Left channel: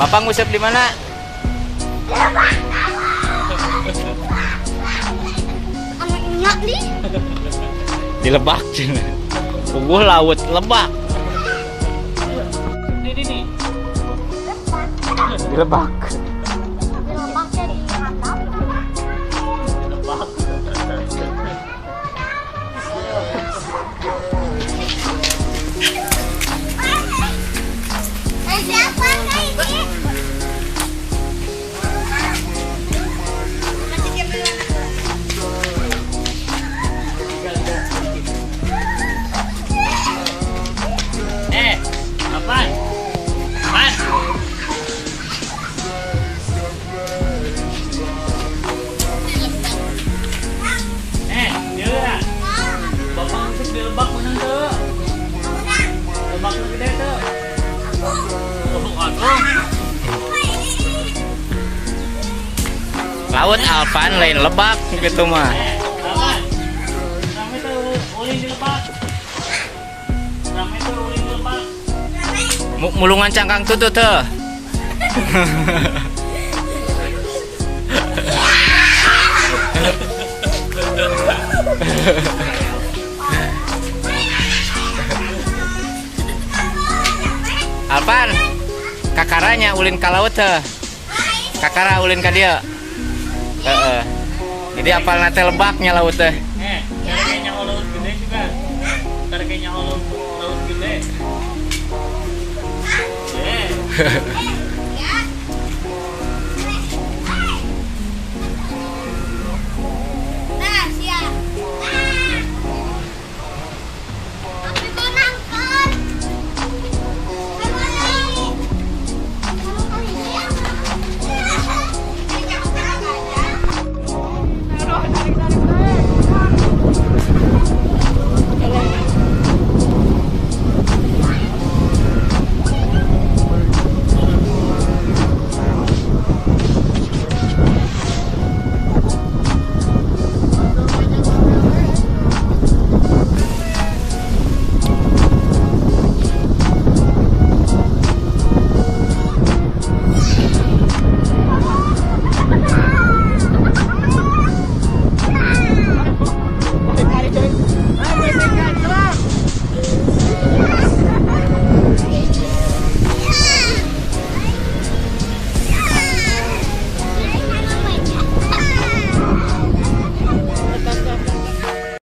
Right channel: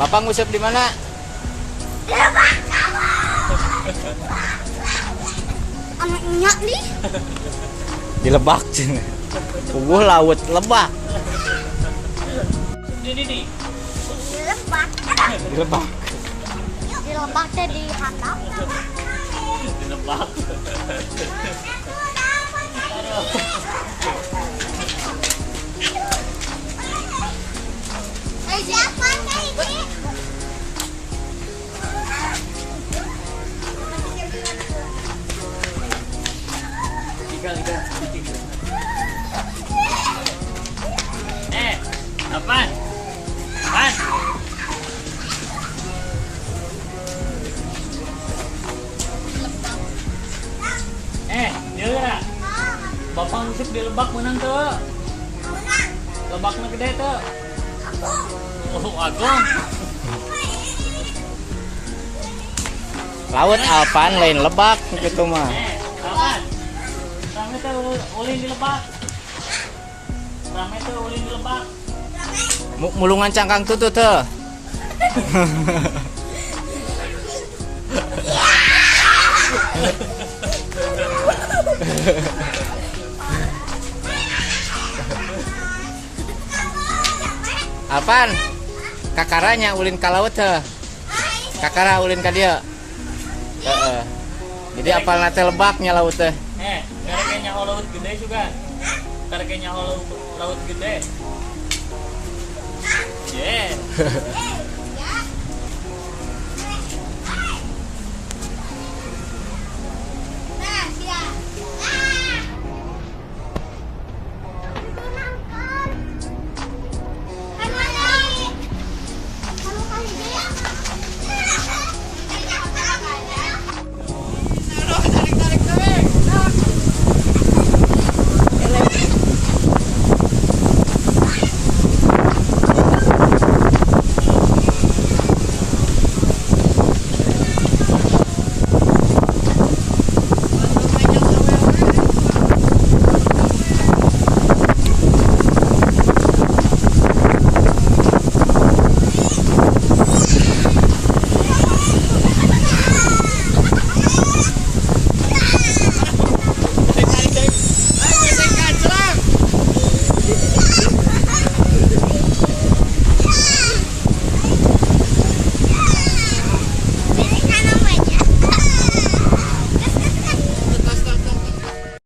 Bapak ngusap di mana? Anaknya nih. Di Lebak cina. Puguh laut Lebak. Ini Di Lebak. Di lomba jadi hakam. lebak. Siapa ini? Apaan? Apaan? Dia bapak ngusik di lebak menang tuh. Lebaknya gede tuh. Oh, aku. Laut Alpan lain Lebak gitu mah. Apaan? Rame tuh ulin di lebak. Rame tuh ulin di lebak. Mulungan cangkang tutut tuh. Alpan, kakaranya ulin ka laut teh. Kakara ulin ka dieu. Heeh. Jadi apal nate Lebaknya laut teh. Kareknya laut gede juga. Kareknya laut gede. Yeah.